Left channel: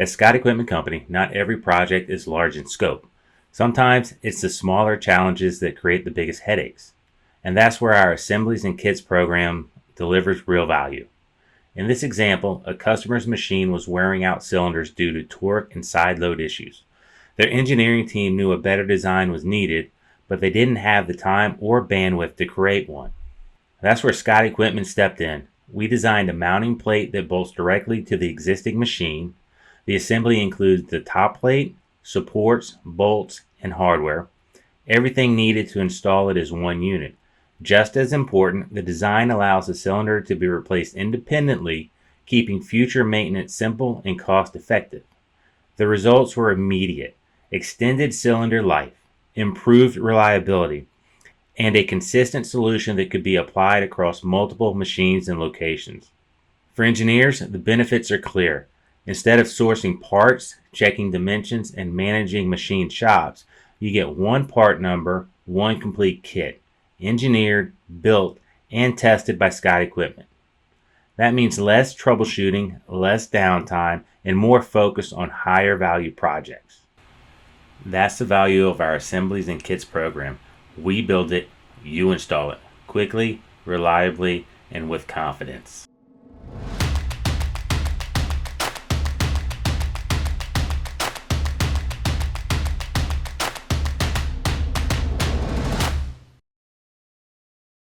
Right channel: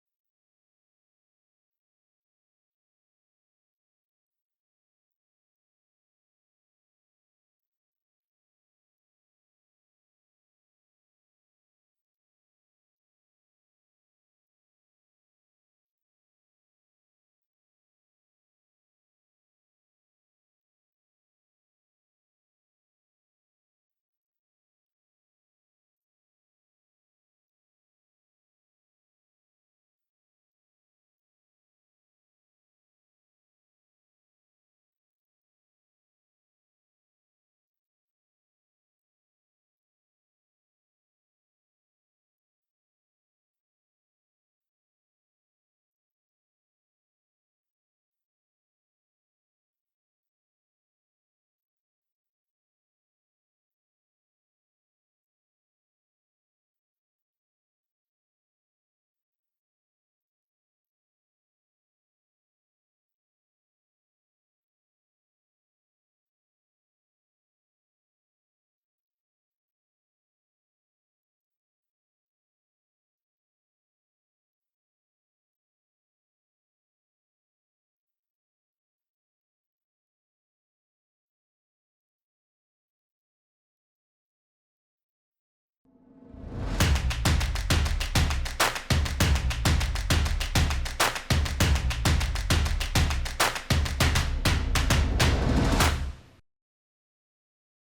At Scott Equipment Company, not every project is large in scope. Sometimes it's the smaller challenges that create the biggest headaches. And that's where our Assemblies and Kits program delivers real value. In this example, a customer's machine was wearing out cylinders due to torque and side load issues. Their engineering team knew a better design was needed, but they didn't have the time or bandwidth to create one. That's where Scott Equipment stepped in. We designed a mounting plate that bolts directly to the existing machine. The assembly includes the top plate, supports, bolts, and hardware. Everything needed to install it is one unit. Just as important, the design allows the cylinder to be replaced independently, keeping future maintenance simple and cost-effective. The results were immediate: extended cylinder life, improved reliability, and a consistent solution that could be applied across multiple machines and locations. For engineers, the benefits are clear. Instead of sourcing parts, checking dimensions, and managing machine shops, you get one part number, one complete kit, engineered, built, and tested by Scott Equipment. That means less troubleshooting, less downtime, and more focus on higher value projects. That's the value of our Assemblies and Kits program. We build it, you install it, quickly, reliably, and with confidence.